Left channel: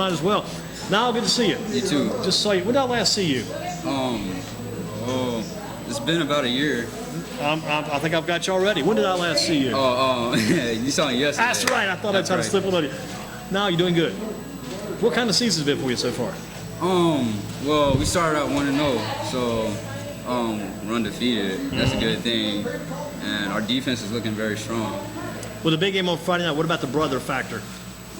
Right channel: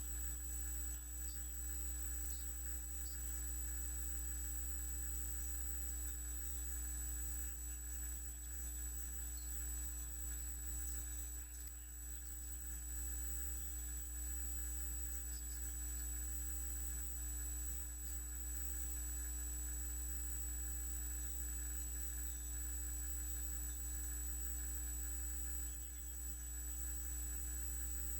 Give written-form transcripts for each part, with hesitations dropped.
Might as well. Now, good to see you. You too. Just saw you. When did I last see you? Oh, it's been about a year. I think I've got you already. When did I last see you? You saw it yesterday. That's right. I thought I'd try to slip one on you. Now you're doing good. What kind of season's been for you so far? Well, we started out 1-0, so we're undefeated. That's a good thing, and our defense is looking very strong. With the big game on Friday night, what about the brother factor?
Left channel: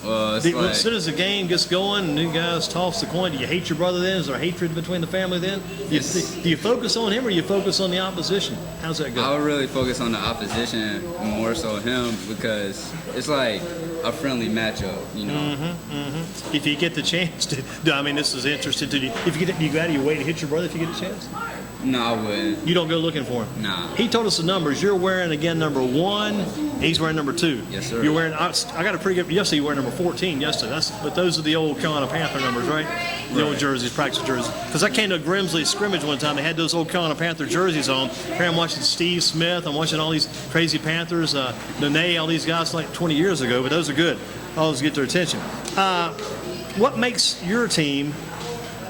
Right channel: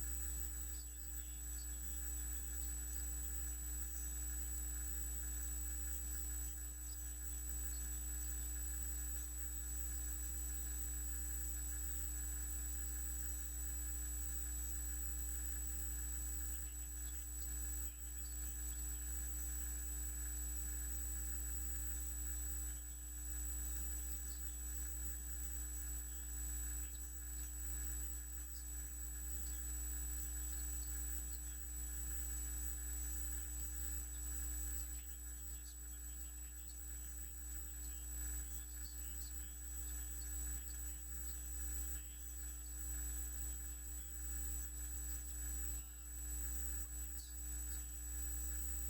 As soon as the game gets going, new guys toss the coin. Do you hate your brother then? Is there hatred between the family then? Do you focus on him or you focus on the opposition? How's that go? I would really focus on the opposition, more so him, because it's like a friendly matchup, you know. If you get the chance to, I mean, this is interesting to you. If you get, you go out of your way to hit your brother if you get a chance? No, I wouldn't. You don't go looking for him? Nah. He told us the numbers. You're wearing, again, number 1. He's wearing number 2. Yes, sir. You're wearing, I got a pretty good, yesterday you were number 14 yesterday. But those are the old Carolina Panther numbers, right? The old jerseys, practice jerseys. Because I came to a Grimsley scrimmage one time. They had those old Carolina Panther jerseys on. Here I'm watching Steve Smith. I'm watching all these crazy Panthers, Nene, all these guys like 20 years ago. But those are good. Always get their attention. What makes your team,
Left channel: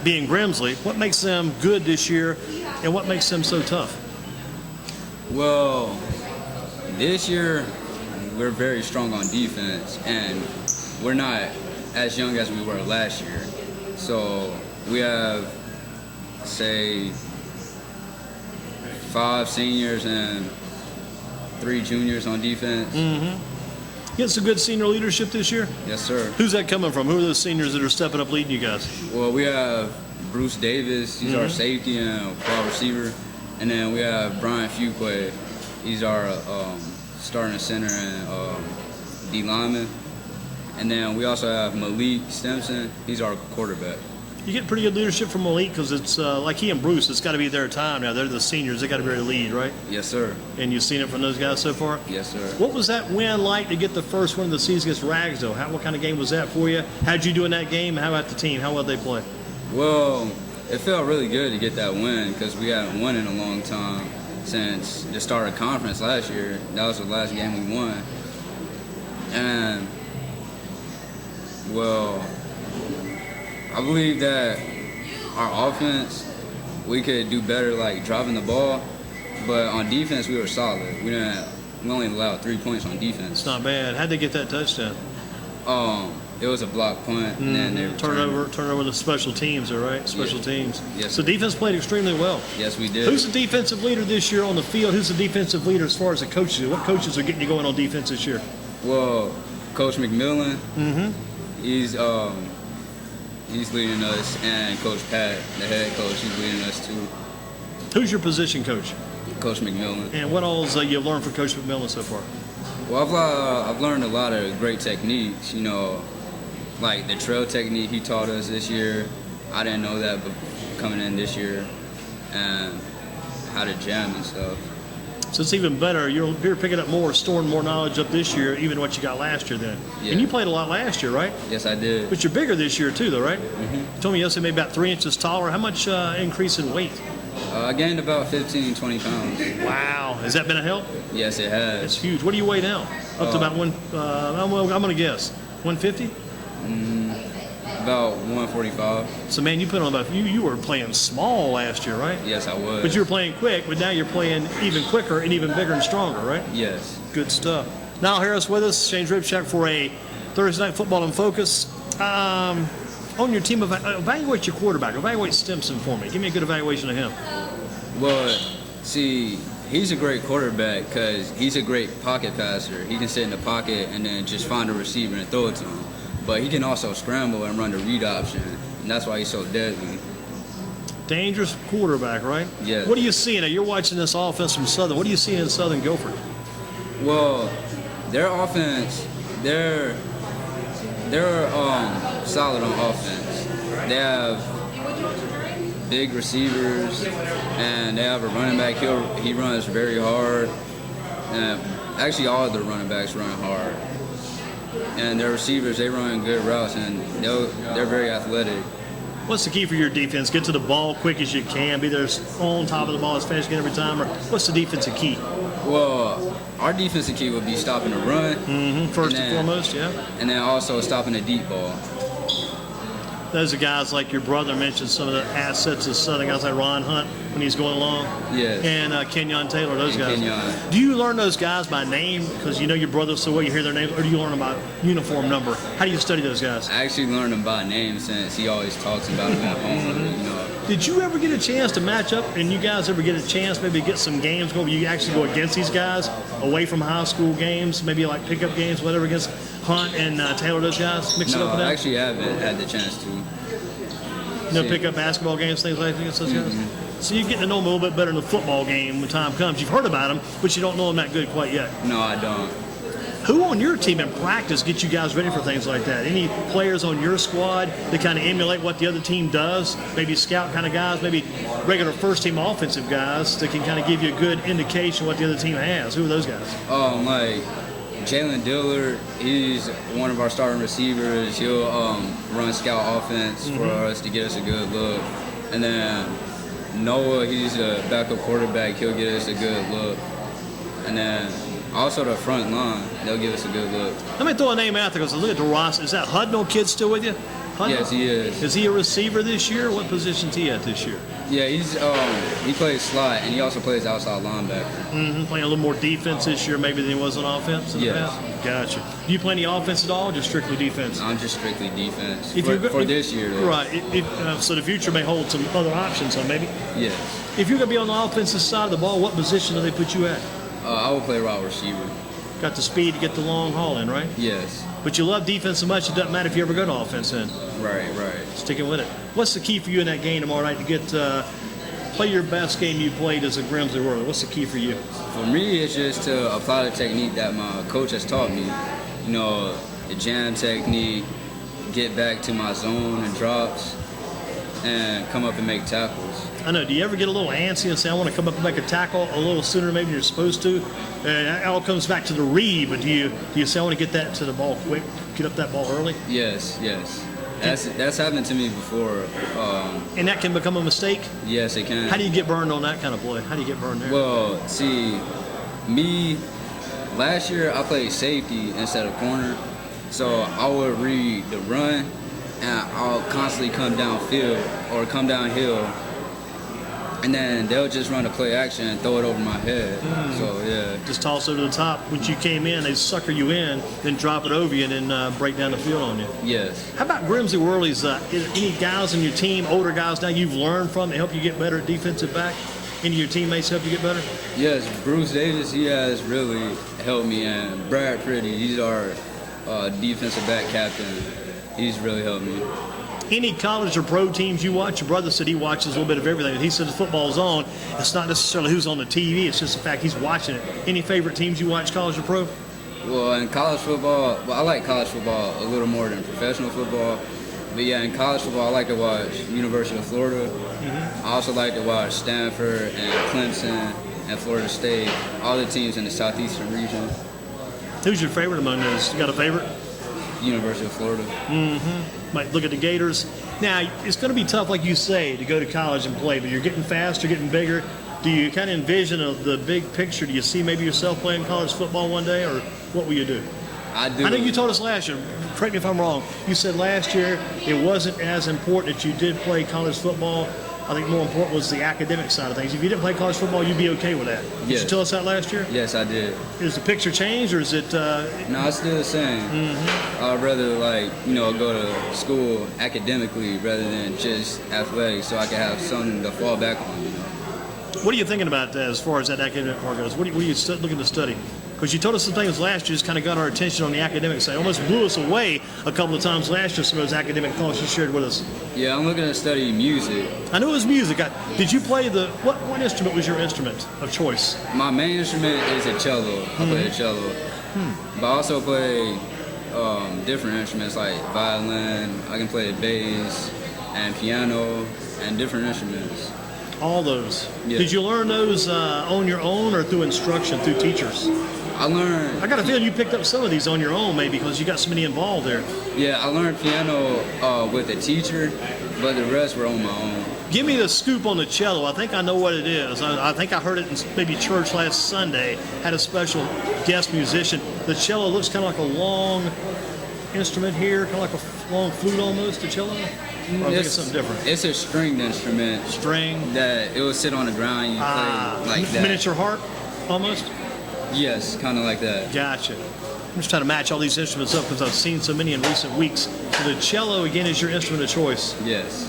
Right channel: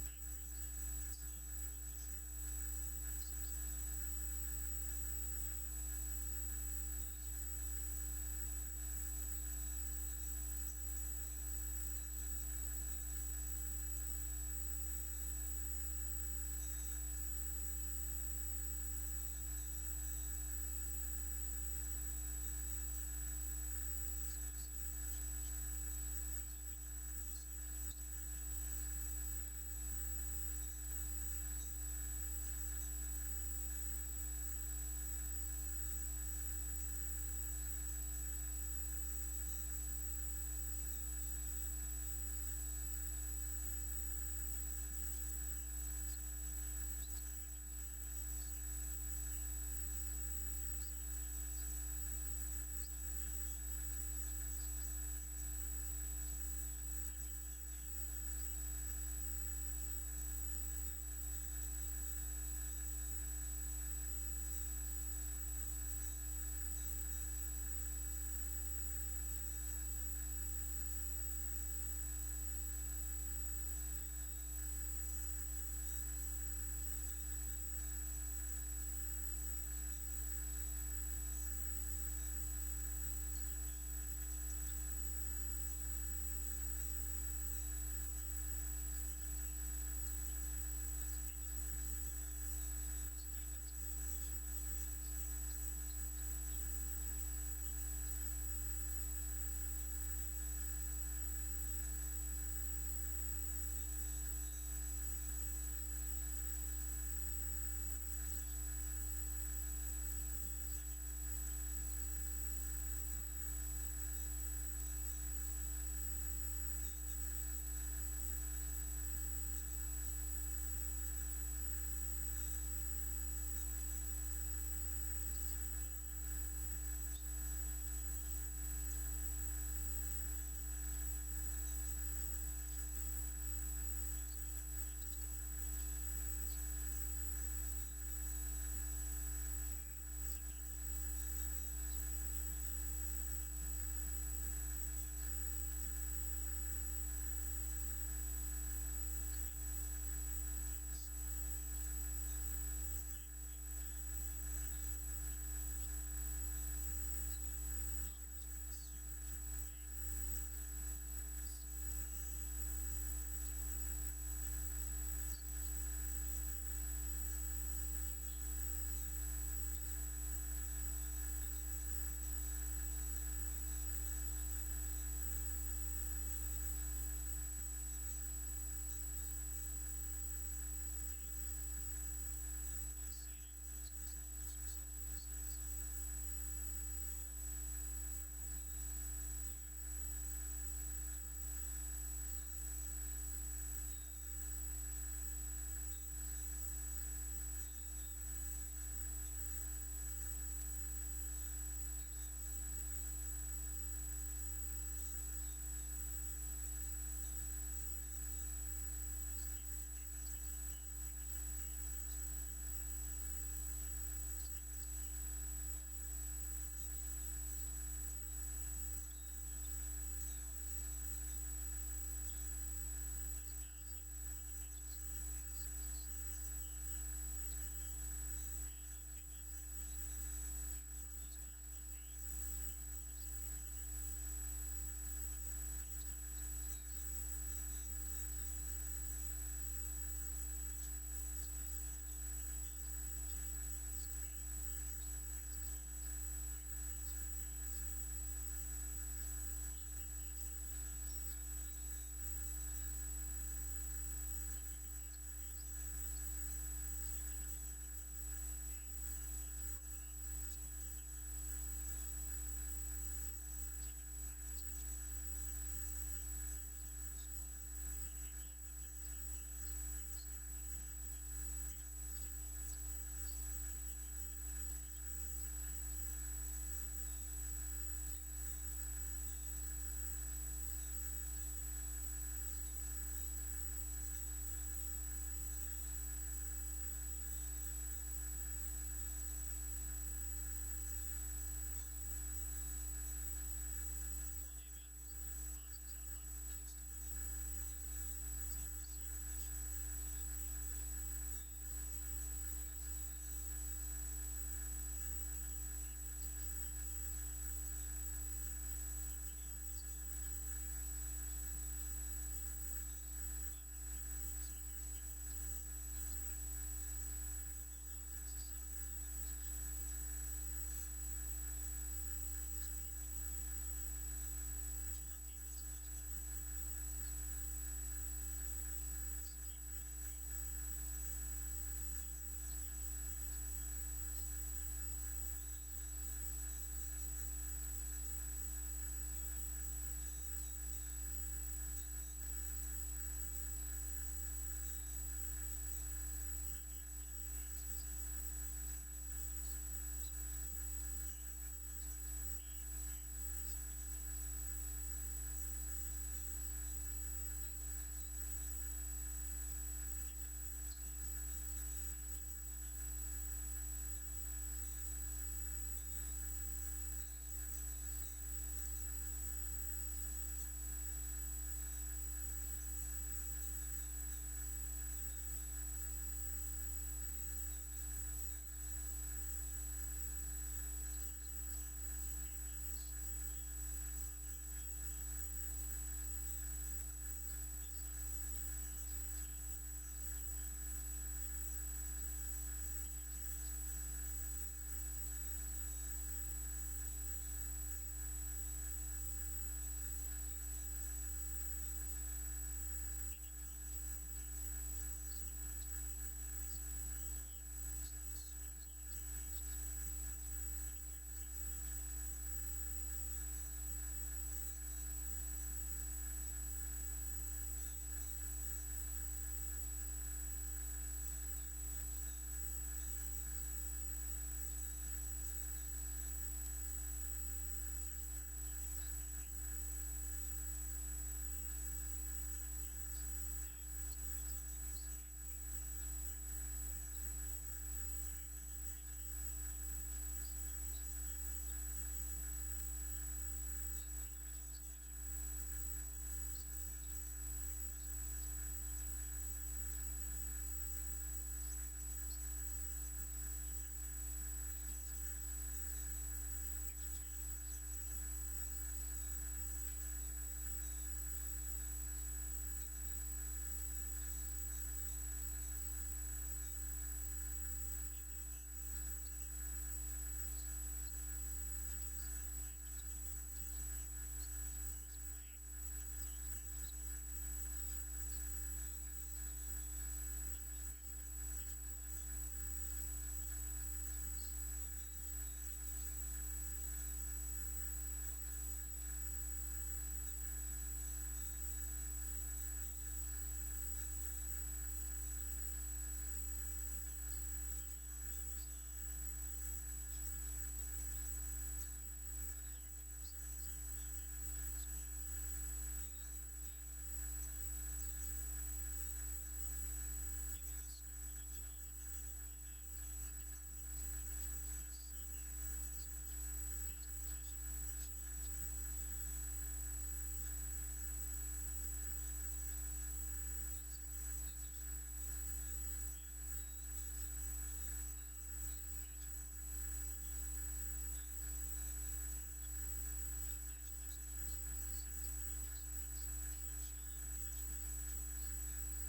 being Grimsley, what makes them good this year? And what makes them so tough? Well, this year we're very strong on defense, and we're not as young as we were last year. So we have, say, 5 seniors and 3 juniors on defense. You get some good senior leadership this year? Yes, sir. Who's that coming from? Who are those seniors that are stepping up leading you guys? Well, we have Bruce Davis, he's our safety and wide receiver. And then we have Brian Fuqua, he's our starting center and D lineman. And then we also have Malik Stimson, he's our quarterback. You get pretty good leadership from Malik because it's like he and Bruce, it's got to be their time now. They're the seniors, they got to be able to lead, right? Yes, sir. And you've seen it from those guys so far? Yes, sir. What was that win like to get the first win of the season against Ragsdale? What kind of game was that for you? How'd you do in that game? How about the team? How well did they play? Well, it felt really good to get that win because we haven't won in a long time since the start of conference last year. That was the last game we won. And, well, I believe that our offense, we could do better, like dropping the ball, but on defense we were solid. We only allowed 3 points on defense. It's not bad. How'd they get that touchdown? It was a block punt, and then they turnover to special teams, right? Special teams. Yes. So defense played extremely well. Yes, we did. Who's the defensive leader this year on the field? Who's the defensive leader as far as the coaches? What coaches are getting you going on defense this year? Well, Coach McMillan. He's leading us, and Coach Pat, the head coach, he's leading us too. Who's your position coach? Coach McMillan. And what all you've learned from Coach McMillan so far? Well, I've learned a lot of great techniques, you know, like the trail technique he taught us this year. I didn't know that coming in this year, and how to jam and stuff. So it's even better. You're picking up more, storing more knowledge up this year, even what you got last year then. Yeah. And you played a lot last year, right? Yes, I did. But you're bigger this year too, though, right? You told me yesterday maybe about 3 inches taller. How much increase in weight? I gained about 15, 20 pounds. Wow. Has that been a help? Yes, it has. That's huge. What do you weigh now? Up to about I'm going to guess, 150? About 145. So, man, you put on about, you were playing small last year, right? Yes, I was. But you were playing quick, but now you're playing even quicker and even bigger and stronger, right? Yes. Good stuff. Niall Harris with us, Shane Dripchak for a Thursday Night Football in Focus. On your team, evaluate your quarterback. Evaluate Stimson for me. Give me a good evaluation of him. Well, see, he's a great quarterback because he's a great pocket passer. He can sit in the pocket and then just find a receiver and throw it to him. But he can also scramble and run the read option, and that's why he's so deadly. Dangerous quarterback, right? Yes. What are you seeing? Now, you're watching this offense from Southern. What are you seeing in Southern Guilford? Well, their offense, they're solid on offense. They have big receivers, and they have a running back. He runs very hard. And actually, all of the running backs run hard. And their receivers, they run good routes, and they're very athletic. What's the key for your defense? Get to the ball quick as you can. Be there on top of the ball as fast as you can every time. Or what's the defensive key? Well, our defensive key would be stopping the run. First and foremost, yeah. And then also stopping the deep ball. Those are guys like your brother mentioned, some of the assets of Southern guys like Ron Hunt when he's going along. Yes. And Kenyon Taylor, those And guys. Kenyon. Do you learn those guys by name because you know your brother so well, you hear their names, or do you learn them by uniform number? How do you study those guys? I actually learned him by name since he always talks about him at home. You know. Did you ever get a chance to match up, and you guys ever get a chance maybe to get some games going where you actually go against these guys away from high school games, maybe like pickup games, whatever, against Hunt and Taylor, those guys? Mix it up No, with I that? actually haven't had the chance to. No pickup basketball games, things like that against those guys? So you're getting to know them a little bit better in the football game when time comes. You've heard about them, but you don't know them that good quite yet. No, I don't. Who on your team in practice gets you guys ready for things like that? Any players on your squad that kind of emulate what the other team does? Maybe scout kind of guys, maybe regular first team offensive guys that can kind of give you a good indication what the other team has. Who are those guys? Like Jalen Dillard, he's one of our starting receivers. He'll run scout offense for us to get us a good look. And then Noah, he's a backup quarterback. He'll get us a good look. And then also the front line, they'll give us a good look. Let me throw a name out there because look at the roster. Is that Hudnall kid still with you? Hudnall? Yes, he is. Is he a receiver this year? What position's he at this year? Yeah, he plays slot and he also plays outside linebacker. Playing a little more defense this year maybe than he was on offense in the Yes. past? Gotcha. Do you play any offense at all or just strictly defense? I'm just strictly defense If for, you're go- for if- this year. Though. Right. So the future may hold some other options, so maybe. Yes. If you're going to be on the offensive side of the ball, what position do they put you at? I will play wide receiver. Got the speed to get the long haul in, right? Yes. But you love defense so much, it doesn't matter if you ever go to offense in. Right. Sticking with it. What's the key for you in that game tomorrow night to get play your best game you played as a Grimsley Warrior? What's the key for you? For me, it's just to apply the technique that my coach has taught me. You know, the jam technique, get back to my zone and drops, and come up and make tackles. I know. Do you ever get a little antsy and say, I want to come up and make a tackle a little sooner maybe than you're supposed to? And it all comes back to the read, but do you say, I want to get that to the ball quick, get up that ball early? Yes. That's happened to me before. And that can become a mistake? Yes, it can. How do you get burned on that kind of play? How do you get burned there? Well, see, me, last year I played safety instead of corner. So I would read the run, and I'll constantly come downfield or come downhill. And then they'll just run a play action and throw it over my head. So, yeah. Just toss it to the top. When you came in, they sucker you in, then drop it over you, and then break down the field on you. Yes. How about Grimsley Whirlies? Any guys on your team, older guys now you've learned from to help you get better at defensive back? Any of your teammates help you get better? Yes, Bruce Davis, he has really helped me. And Brad Pretty, he's our defensive back captain. He's really helped me. Any college or pro teams you watch? Your brother said he watches a little bit of everything. He said the football's on. It's not necessarily who's on the TV. It's just the fact he's watching it. Any favorite teams you watch, college or pro? Well, in college football, I like college football a little more than professional football. But yeah, in college football, I like to watch University of Florida. I also like to watch Stanford and Clemson and Florida State, all the teams in the southeastern region. Who's your favorite among those? You got a favorite? University of Florida. Might look at the Gators. Now, it's going to be tough, like you say, to go to college and play, but you're getting faster, getting bigger. Do you kind of envision the big picture? Do you see maybe yourself playing college football one day, or what will you do? I do. I know you told us last year, correct me if I'm wrong, you said last year it wasn't as important that you did play college football. I think more important was the academic side of things. If you didn't play college football, you'd be okay with that. Did Yes. you tell us that last year? Yes, I did. Is the picture changed, or is it No, it's still the same. I'd rather go to school academically rather than just athletics, so I can have something to fall back on. what are you thinking about as far as that academic part goes? What are you looking to study? Because you told us some things last year just kind of got our attention on the academic side. Almost blew us away a couple of times last year, some of those academic thoughts you shared with us. Yeah, I'm looking to study music. I knew it was music. Did you play what instrument was your instrument of choice? My main instrument is a cello. I play the cello. But I also play different instruments like violin. I can play bass and piano and different instruments. All those. Yeah. Did you learn those on your own or through instruction, through teachers? I learned, I got a feeling you picked up some of these on your own, maybe, because you got so many involved there. I learned piano with a teacher, but the rest were on my own. Give me the scoop on the cello. I think I know what it is. I think I heard it in maybe church last Sunday. Had a special guest musician. The cello looks kind of like a long instrument here, kind of like a long flute almost, a cello? Or I think it's something different. It's a stringed instrument. String. That it will sit on the ground and you play like that. Miniature harp, almost? Yes, kind of like that. Gotcha. I'm just trying to match all these instruments up because I've seen so many in recent weeks. So the cello, again, is your instrument of choice. Yes.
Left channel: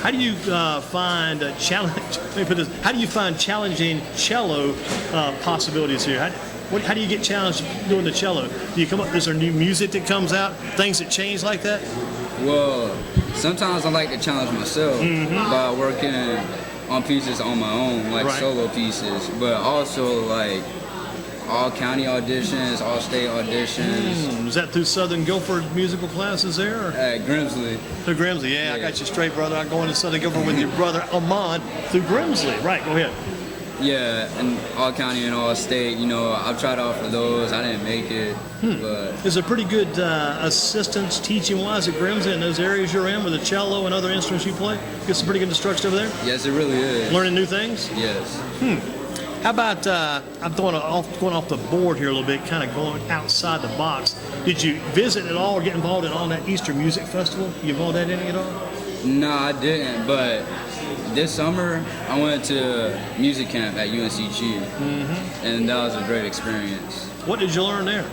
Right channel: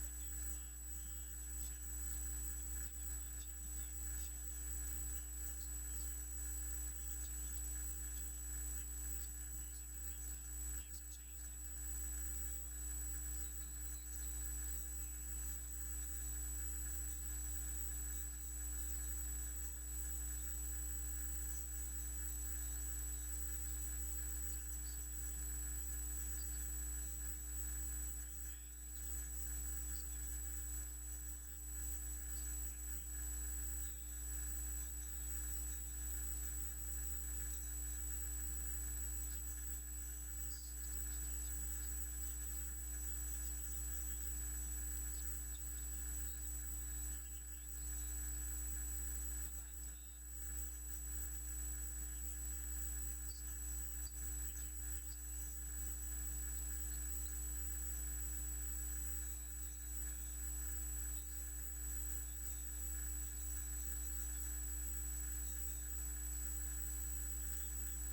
How do you find challenge? Let me put this. How do you find challenging cello possibilities here? How do you get challenged doing the cello? Do you come up? Is there new music that comes out? Things that change like that? Well, sometimes I like to challenge myself by working on pieces on my own, like solo pieces, but also like all county auditions, all state auditions. Is that through Southern Guilford musical classes there? Or? At Grimsley. Through Grimsley, yeah, I got you straight, brother. I'm going to Southern Guilford with your brother Amon through Grimsley. Right, go ahead. Yeah, and all county and all state, you know, I've tried out for those. I didn't make it, but... Is there pretty good assistance teaching-wise at Grimsley in those areas you're in with the cello and other instruments you play? Get some pretty good instruction over there? Yes, it really is. Learning new things? Yes. How about, I'm going off the board here a little bit, kind of going outside the box. Did you visit at all or get involved in all that Easter Music Festival? You involved in any at all? No, I didn't, but this summer I went to music camp at UNCG, and that was a great experience. What did you learn there?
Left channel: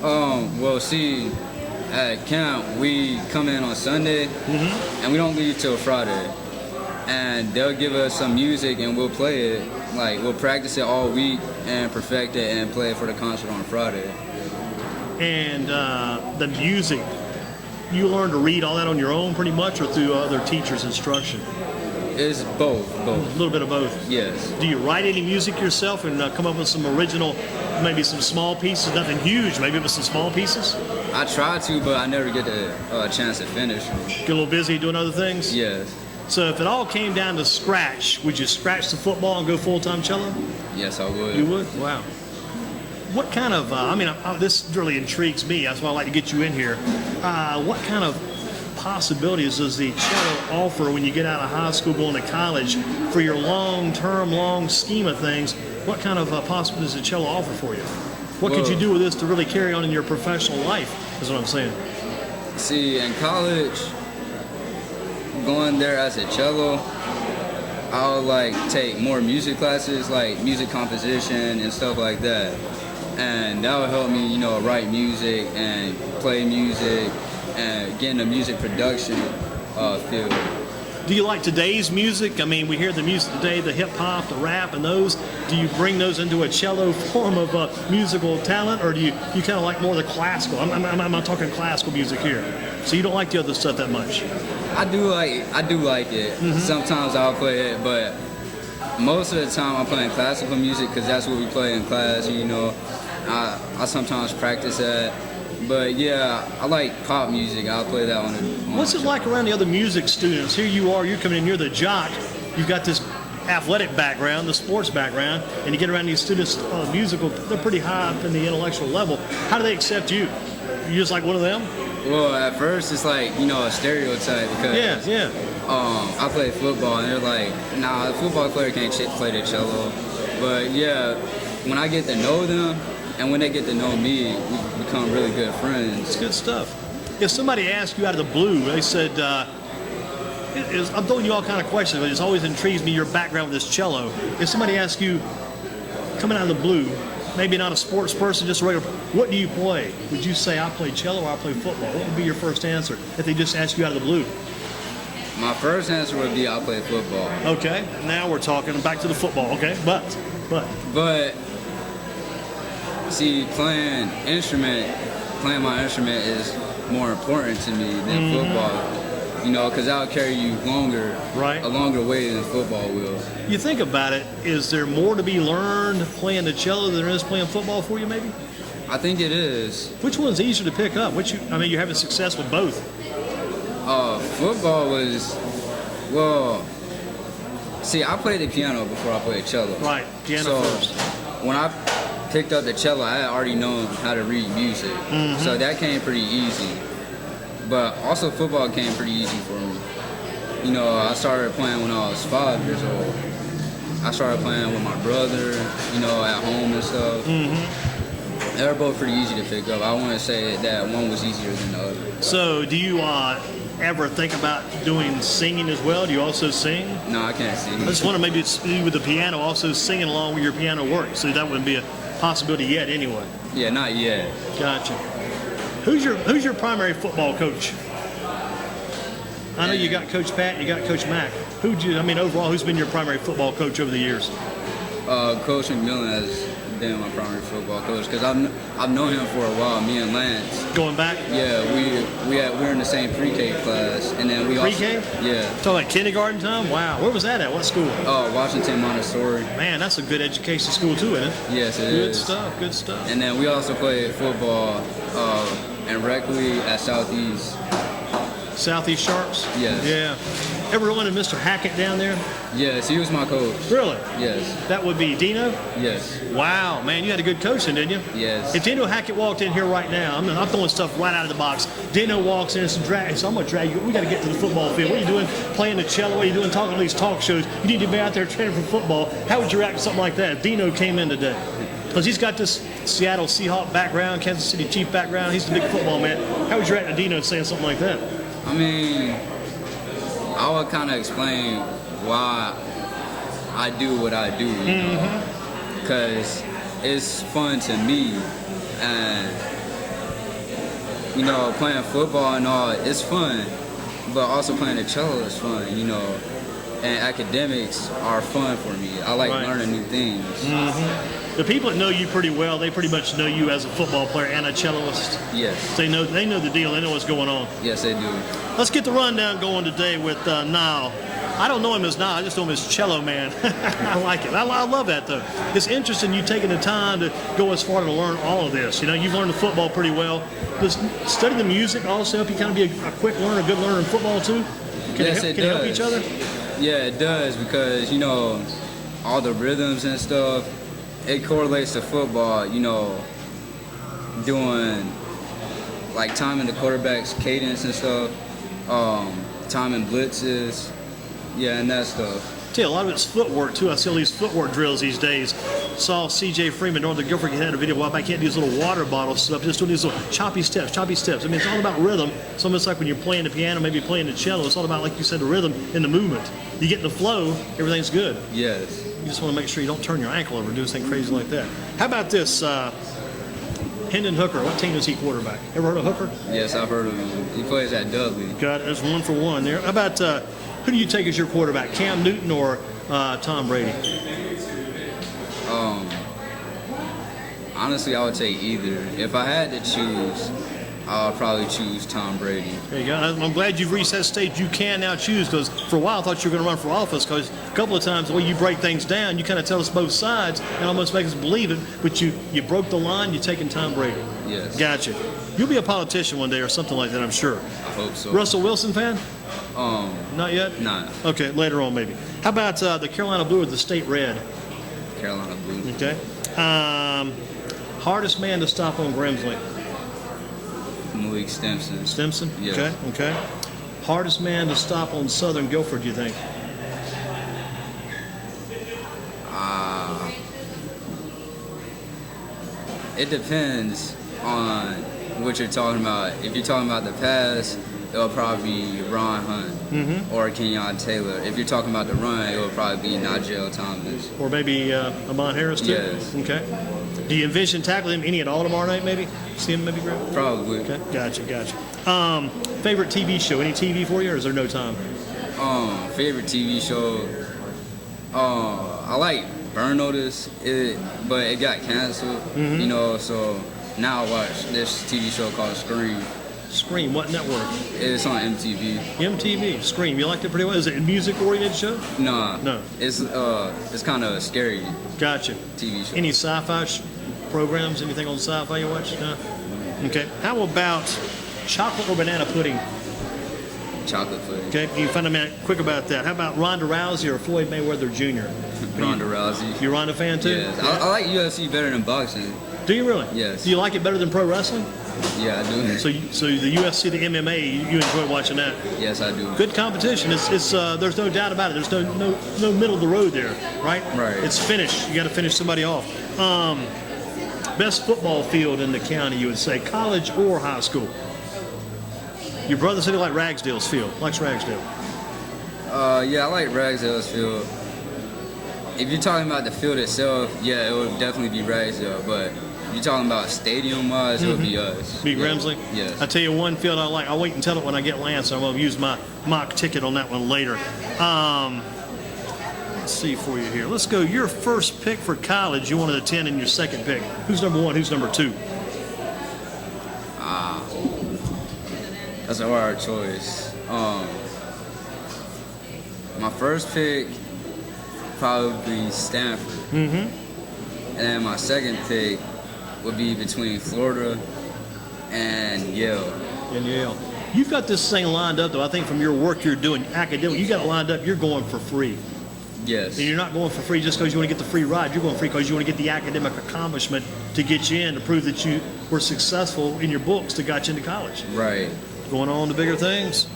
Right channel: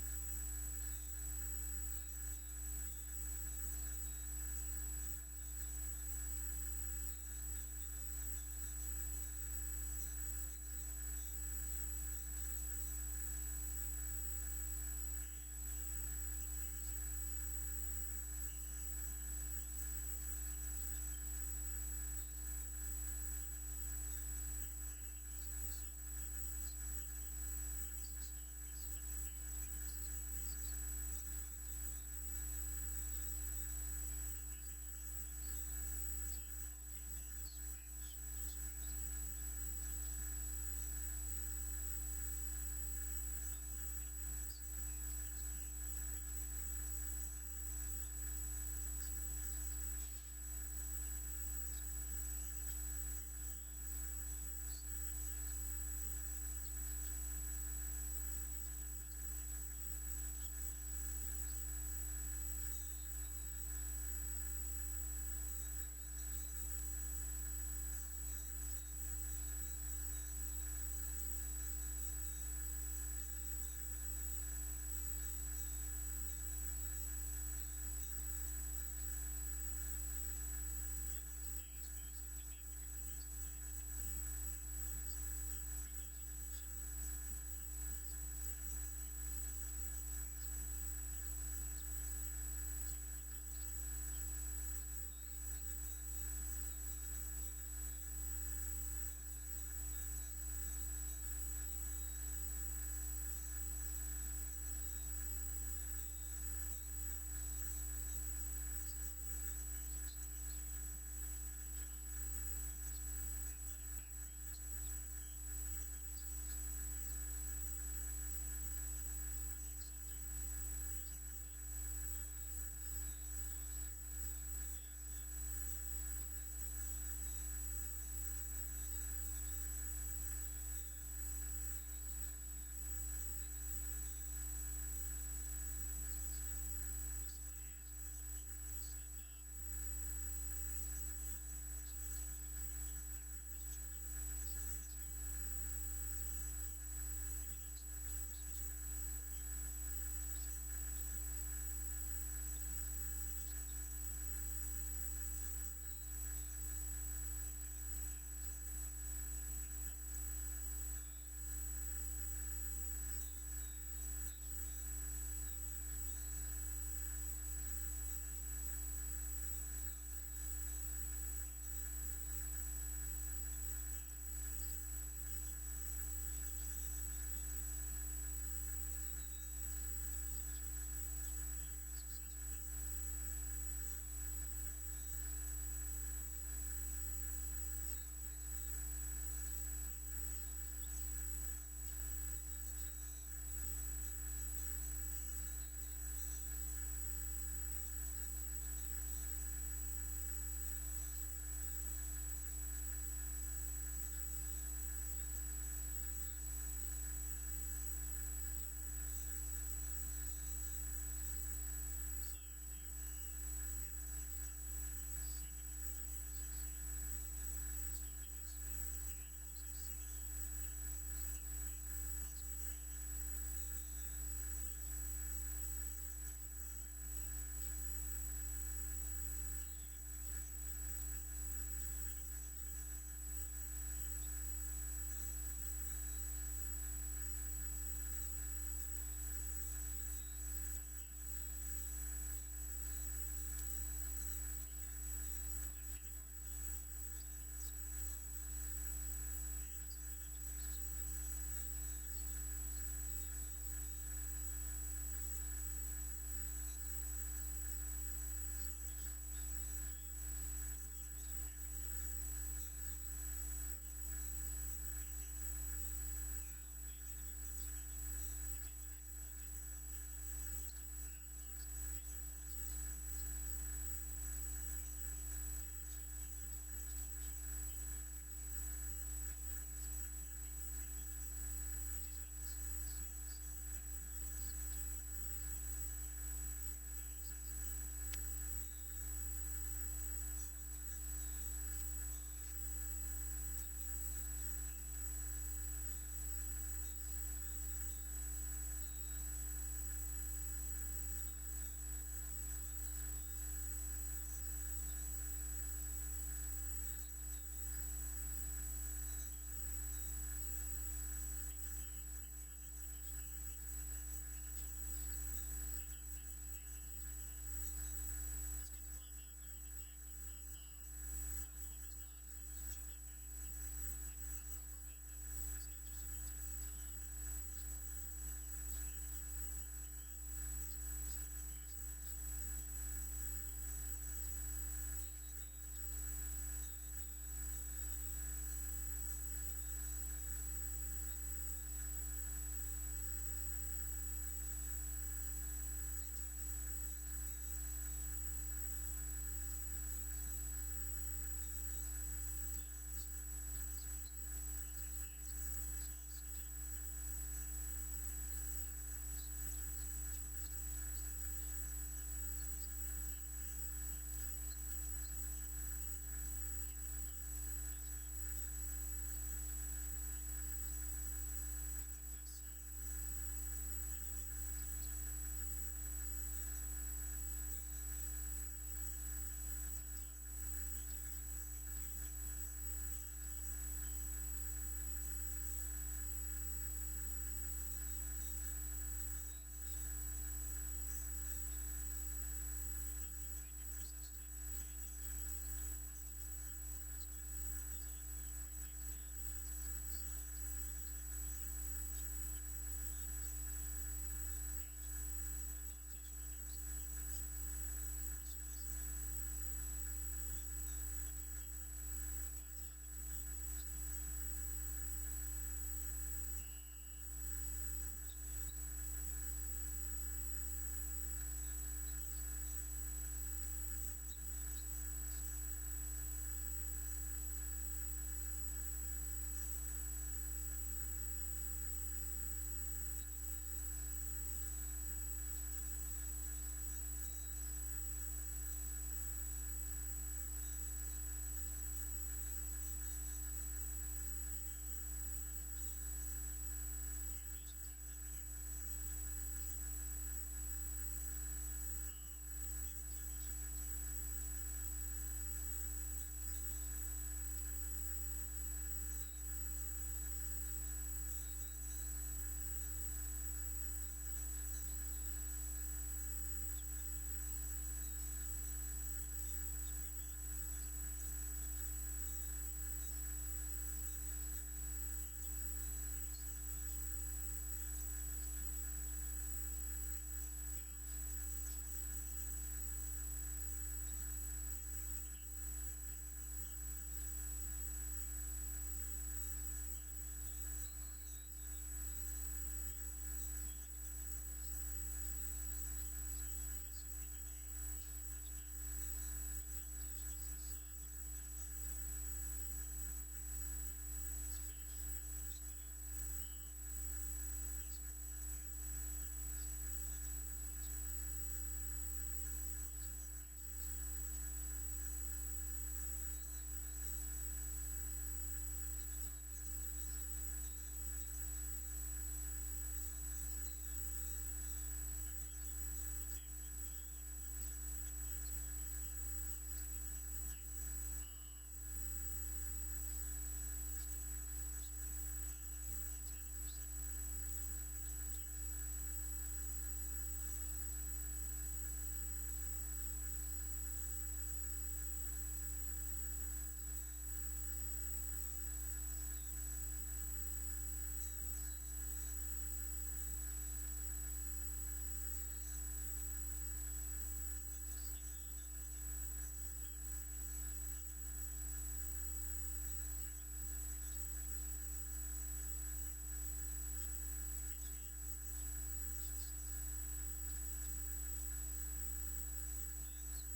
Well, see, at camp we come in on Sunday, and we don't leave till Friday. And they'll give us some music and we'll play it. Like, we'll practice it all week and perfect it and play it for the concert on Friday. And the music, you learn to read all that on your own pretty much or through other teachers' instruction? It's both. A little bit of both? Yes. Do you write any music yourself and come up with some original, maybe some small pieces, nothing huge, maybe with some small pieces? I try to, but I never get the chance to finish. Get a little busy doing other things? Yes. So if it all came down to scratch, would you scratch the football and go full-time cello? Yes, I would. You would? Wow. What kind of, this really intrigues me. That's why I like to get you in here. What kind of possibilities does the cello offer when you get out of high school going to college for your long scheme of things? What kind of possibilities does the cello offer for you? What could you do with this to really carry on in your professional life, is what I'm saying. See, in college, going there as a cello, I'll like take more music classes, like music composition and stuff like that. And that will help me, you know, write music and play music and get in the music production field. Do you like today's music? I mean, we hear the music today, the hip hop, the rap, and those. Do you bring those into a cello form of musical talent, or do you kind of like more of the classical? I'm not talking classical music here. So you don't like the other stuff that much? I do like it. Sometimes I'll play it, but most of the time I'm playing classical music because that's what we play in class. You know, I sometimes practice that. But yeah, I like pop music. I'll play that on What's it like around the other music students? Here you are, you're coming in, you're the jock. You've got this athletic background, the sports background, and you get around these students musical, they're pretty high up in the intellectual level. How do they accept you? You just like one of them? Well, at first it's like, you know, a stereotype because I play football and they're like, nah, a football player can't play the cello. But yeah, when I get to know them and when they get to know me, we become really good friends. It's good stuff. If somebody asked you out of the blue, they said, I'm throwing you all kind of questions, but it's always intrigues me your background with this cello. If somebody asks you, coming out of the blue, maybe not a sports person, just a regular, what do you play? Would you say I play cello or I play football? What would be your first answer if they just ask you out of the blue? My first answer would be I play football. Okay, now we're talking back to the football, okay? But see, playing my instrument is more important to me than football. You know, because that'll carry you a longer way than football will. You think about it, is there more to be learned playing the cello than there is playing football for you, maybe? I think it is. Which one's easier to pick up? You're having success with both. Football was, well, see, I played the piano before I played cello. Right, piano first. When I picked up the cello, I had already known how to read music. So that came pretty easy. But also football came pretty easy for me. You know, I started playing when I was 5 years old. I started playing with my brother, you know, at home and stuff. They're both pretty easy to pick up. I want to say that one was easier than the other. So, do you ever think about doing singing as well? Do you also sing? No, I can't sing. I just wonder maybe it's you with the piano, also singing along with your piano work. So that wouldn't be a possibility yet, anyway. Yeah, not yet. Gotcha. Who's your primary football coach? I know you got Coach Pat, you got Coach Mack. Overall, who's been your primary football coach over the years? Coach McMillan has been my primary football coach because I've known him for a while. Me and Lance. Going back? Yeah, we're in the same pre-K class, and then we pre-K? Yeah. So like kindergarten time? Wow. Where was that at? What school? Washington Montessori. Man, that's a good education school too, isn't it? Yes, it good is. Stuff. Good stuff. And then we also played football and rec league at Southeast. Southeast Sharps? Yes. Yeah. Ever run into Mr. Hackett down there? Yes, he was my coach. Really? Yes. That would be Dino? Yes. Wow, man, you had a good coach then, didn't you? Yes. If Dino Hackett walked in here right now, I'm throwing stuff right out of the box. Dino walks in and says, I'm going to drag you. We got to get to the football field. What are you doing playing the cello? What are you doing talking on these talk shows? You need to be out there training for football. How would you react to something like that if Dino came in today? Because he's got this Seattle Seahawk background, Kansas City Chief background. He's a big football man. How would you react to Dino saying something like that? I mean, I would kind of explain why I do what I do, you know, because it's fun to me, and you know, playing football and all, it's fun, but also playing the cello is fun, you know, and academics are fun for me. I like learning new things. The people that know you pretty well, they pretty much know you as a football player and a celloist. Yes. They know the deal. They know what's going on. Yes, they do. Let's get the rundown going today with Nile. I don't know him as Nile. I just know him as Cello Man. I like it. I love that, though. It's interesting you taking the time to go as far to learn all of this. You know, you've learned the football pretty well. Does study the music also help you kind of be a quick learner, a good learner in football, too? Can it help each other? Yeah, it does, because, you know, all the rhythms and stuff, it correlates to football, you know, doing, like, timing the quarterback's cadence and stuff, timing blitzes, yeah, and that stuff. A lot of it's footwork too. I see all these footwork drills these days. Saw C.J. Freeman, Northern Guilford, had a video a while back. He had these little water bottle stuff, just doing these little choppy steps. I mean, it's all about rhythm. It's almost like when you're playing the piano, maybe playing the cello. It's all about, like you said, the rhythm and the movement. You get in the flow, everything's good. Yes. You just want to make sure you don't turn your ankle over, do something crazy like that. How about this? Hendon Hooker, what team is he quarterback? Ever heard of Hooker? Yes, I've heard of him. He plays at Dudley. Got it. There's 1 for 1 there. How about who do you take as your quarterback, Cam Newton or Tom Brady? Honestly, I would take either. If I had to choose, I'll probably choose Tom Brady. There you go. I'm glad you've reached that stage. You can now choose, because for a while I thought you were going to run for office, because a couple of times the way you break things down, you kind of tell us both sides and almost make us believe it, but you broke the line, you're taking Tom Brady. Yes. Gotcha. You'll be a politician one day or something like that, I'm sure. I hope so. Russell Wilson fan? Not yet? Nah. Okay, later on maybe. How about the Carolina Blue or the State Red? Carolina Blue. Okay. Hardest man to stop on Grimsley? Malik Stimson. Stimson? Yes. Okay. Hardest man to stop on Southern Guilford, do you think? It depends on what you're talking about. If you're talking about the pass, it'll probably be Ron Hunt or Kenyon Taylor. If you're talking about the run, it'll probably be Nigel Thomas. Or maybe Amon Harris, too? Yes. Okay. Do you envision tackling him any at all tomorrow night, maybe? See him maybe grab? Probably. Okay, gotcha. Favorite TV show? Any TV for you, or is there no time? Favorite TV show? I like Burn Notice, but it got canceled, you know, so now I watch this TV show called Scream. Scream, what network? It's on MTV. MTV, Scream. You liked it pretty well? Is it a music-oriented show? No. It's kind of a scary Gotcha. TV show. Any sci-fi programs? Anything on sci-fi you watch? No? Okay. How about chocolate or banana pudding? Chocolate pudding. Okay. You find a minute quick about that. How about Ronda Rousey or Floyd Mayweather Jr.? Ronda Rousey. You a Ronda fan too? Yes. I like UFC better than boxing. Do you really? Yes. Do you like it better than pro wrestling? Yeah, I do. So the UFC, the MMA, you enjoy watching that? Yes, I do. Good competition. It's there's no doubt about it. There's no middle of the road there, right? Right. It's finished. You got to finish somebody off. Best football field in the county, you would say, college or high school? Your brother said he liked Ragsdale's field. Likes Ragsdale. Yeah, I like Ragsdale's field. If you're talking about the field itself, yeah, it would definitely be Ragsdale. But if you're talking about stadium-wise, it would be us. Be Grimsley? Yes. I tell you one field I like. I'll wait and tell it when I get Lance. I'm going to use my mock ticket on that one later. Let's see for you here. Let's go. Your first pick for college, you wanted a 10, and your second pick. Who's number one? Who's number two? That's a hard choice. My first pick probably Stanford. And then my second pick would be between Florida and Yale. And Yale. You've got this thing lined up, though. I think from your work you're doing academic, you got it lined up. You're going for free. Yes. And you're not going for free just because you want to get the free ride. You're going free because you want to get the academic accomplishment to get you in, to prove that you were successful in your books that got you into college. Right. Going on to bigger things.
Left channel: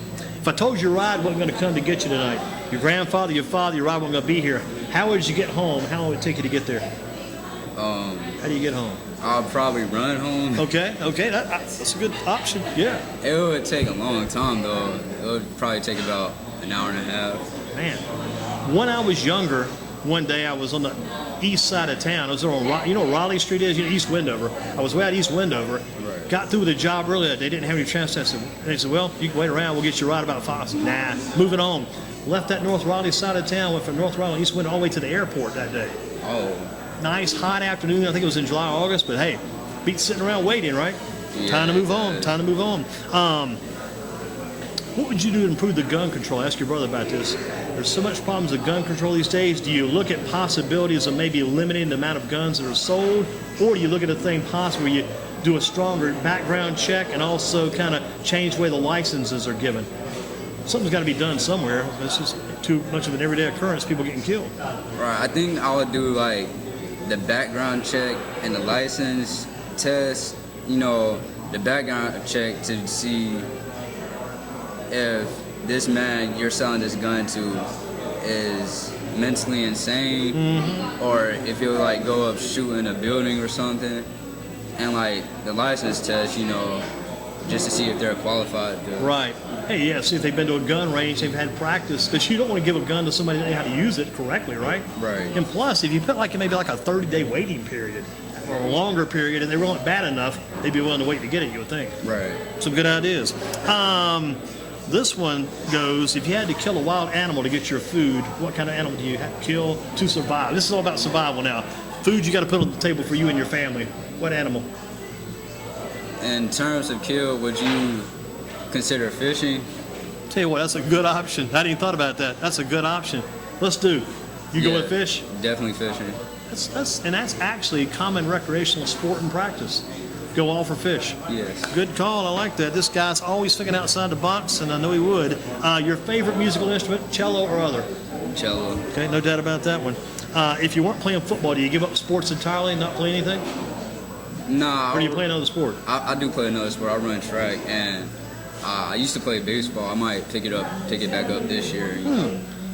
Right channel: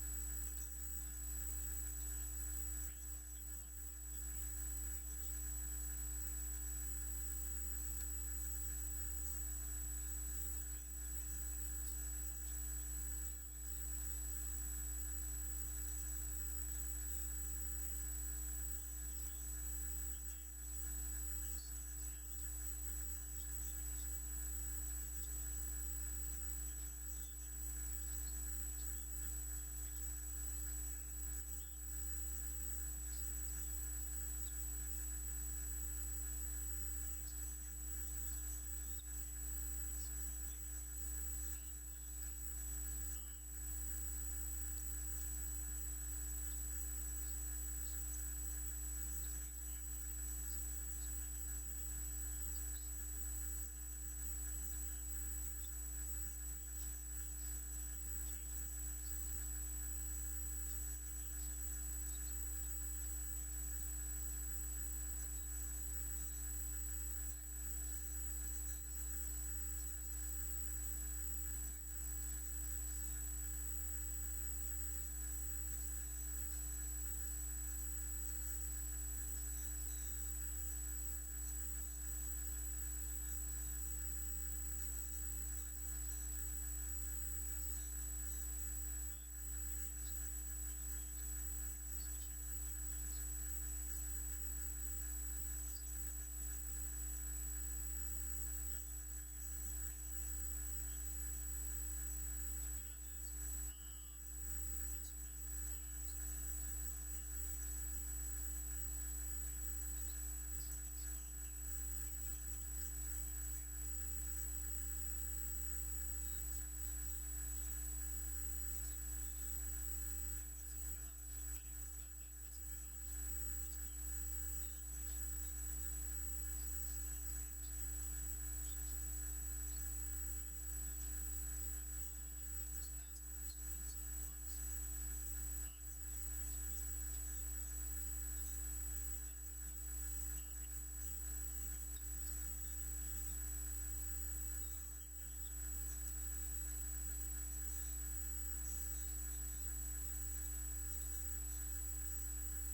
If I told you your ride wasn't going to come to get you tonight, your grandfather, your father, your ride wasn't going to be here, how would you get home? How long would it take you to get there? How do you get home? I'll probably run home. Okay, that's a good option. Yeah. It would take a long time, though. It would probably take about an hour and a half. Man, when I was younger, one day I was on the east side of town. I was on, you know what Raleigh Street is? You know, East Wendover. I was way out East Wendover. Right. Got through with a job earlier. They didn't have any transit. They said, well, you can wait around. We'll get you a ride about 5. I said, nah, moving on. Left that North Raleigh side of town, went from North Raleigh, East Wendover all the way to the airport that day. Oh. Nice, hot afternoon. I think it was in July or August, but hey, beats sitting around waiting, right? Yeah, Time to move on. Time to move on. What would you do to improve the gun control? Ask your brother about this. There's so much problems with gun control these days. Do you look at possibilities of maybe limiting the amount of guns that are sold, or do you look at a thing possible where you do a stronger background check and also kind of change the way the licenses are given? Something's got to be done somewhere. It's just too much of an everyday occurrence, people getting killed. Right. I think I would do like the background check and the license test. You know, the background check to see if this man you're selling this gun to is mentally insane, or if he'll like go up shooting a building or something. And like the license test, you know, just to see if they're qualified to. Right. Hey, yeah, see if they've been to a gun range, they've had practice, because you don't want to give a gun to somebody that knows how to use it correctly, right? Right. And plus, if you put like maybe like a 30-day waiting period or a longer period, and they weren't bad enough, they'd be willing to wait to get it, you would think. Right. Some good ideas. This one goes, if you had to kill a wild animal to get your food, what kind of animal do you have to kill to survive? This is all about survival now. Food you got to put on the table for you and your family. What animal? In terms of kill, would you consider fishing? Tell you what, that's a good option. I hadn't even thought about that. That's a good option. Let's do. You go with fish? Definitely fishing. That's actually a common recreational sport and practice. Go all for fish. Yes. Good call. I like that. This guy's always thinking outside the box, and I know he would. Your favorite musical instrument, cello or other? Cello. Okay, no doubt about that one. If you weren't playing football, do you give up sports entirely, not play anything? Nah. Or do you play another sport? I do play another sport. I run track, and I used to play baseball. I might pick it back up this year.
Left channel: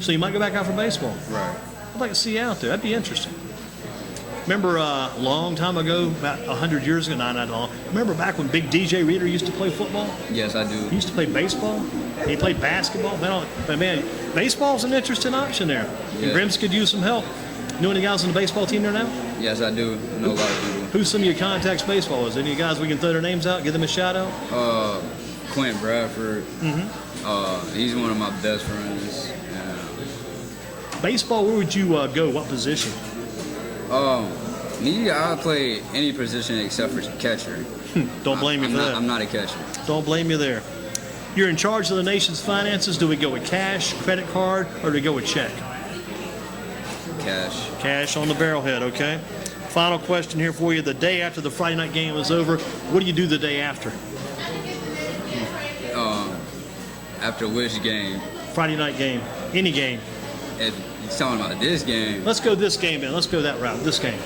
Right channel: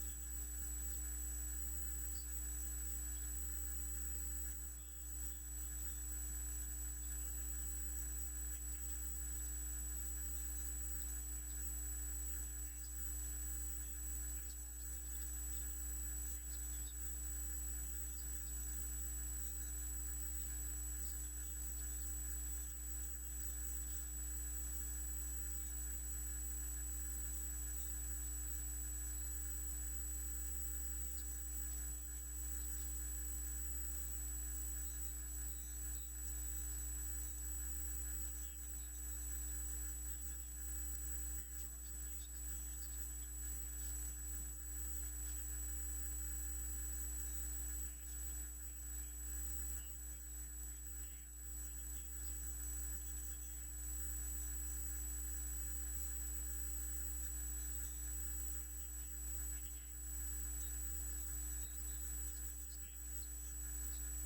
So you might go back out for baseball. Right. I'd like to see you out there. That'd be interesting. Remember a long time ago, about 100 years ago, not long, remember back when Big DJ Reader used to play football? Yes, I do. He used to play baseball. He played basketball. But man, baseball's an interesting option there. Yeah. And Grims could use some help. You know any guys on the baseball team there now? Yes, I do. I know a lot of people. Who's some of your contacts baseball? Is any guys we can throw their names out, give them a shout out? Clint Bradford. He's one of my best friends. Baseball, where would you go? What position? Me, I play any position except for catcher. Don't blame you for that. I'm not a catcher. Don't blame you there. You're in charge of the nation's finances. Do we go with cash, credit card, or do we go with check? Cash. Cash on the barrelhead, okay? Final question here for you. The day after the Friday night game is over, what do you do the day after? After which game? Friday night game. Any game. If you're talking about this game. Let's go this game then. Let's go that route. This game.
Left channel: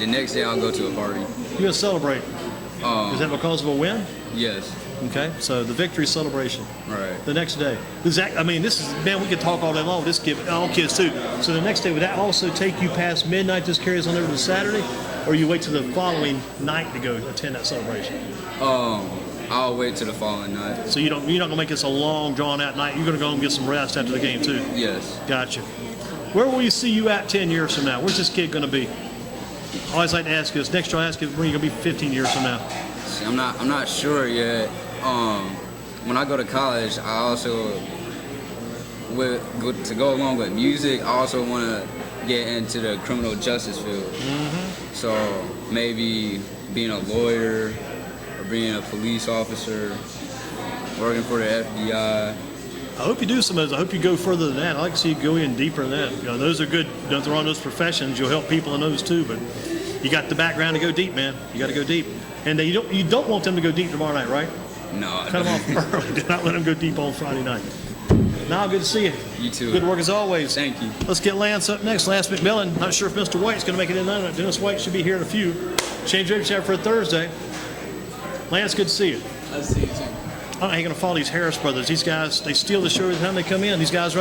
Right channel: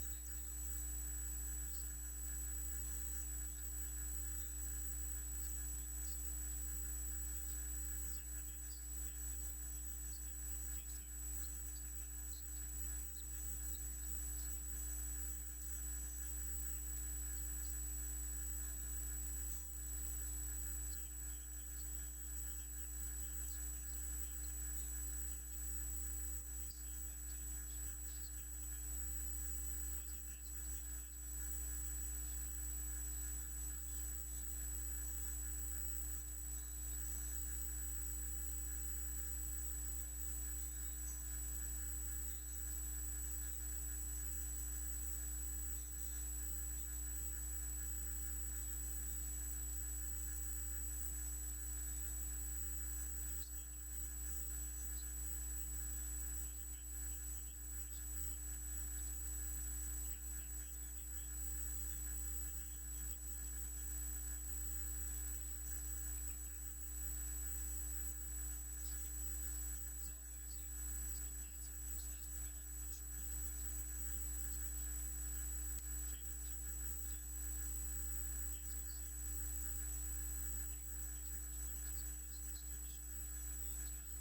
The next day I'll go to a party. You're going to celebrate. Is that because of a win? Yes. Okay, so the victory celebration. Right. The next day. I mean, this is, man, we could talk all day long with this kid, all kids too. So the next day, would that also take you past midnight, just carry us on over to Saturday? or you wait till the following night to go attend that celebration? I'll wait till the following night. So you're not gonna make this a long, drawn out night. You're gonna go and get some rest after the game too. Yes. Gotcha. Where will you see you at 10 years from now? Where's this kid gonna be? I always like to ask you this. Next year, I'll ask you where you're gonna be 15 years from now. See, I'm not sure yet. When I go to college, I also to go along with music. I also want to get into the criminal justice field. So maybe being a lawyer or being a police officer, working for the FBI. I hope you do some of those. I hope you go further than that. I like to see you go in deeper than that. You know, those are good. Don't throw on those professions. You'll help people in those too. But you got the background to go deep, man. You got to go deep. And you don't want them to go deep tomorrow night, right? No. Cut them off early. Do not let them go deep on Friday night. Now, good to see you. You too. Good work as always. Thank you. Let's get Lance up next. Lance McMillan. Not sure if Mr. White's going to make it in tonight. Dennis White should be here in a few. Change rooms for a Thursday. Lance, good to see you. I see you too. I don't know how you're going to follow these Harris brothers. These guys, they steal the show every time they come in. These guys run.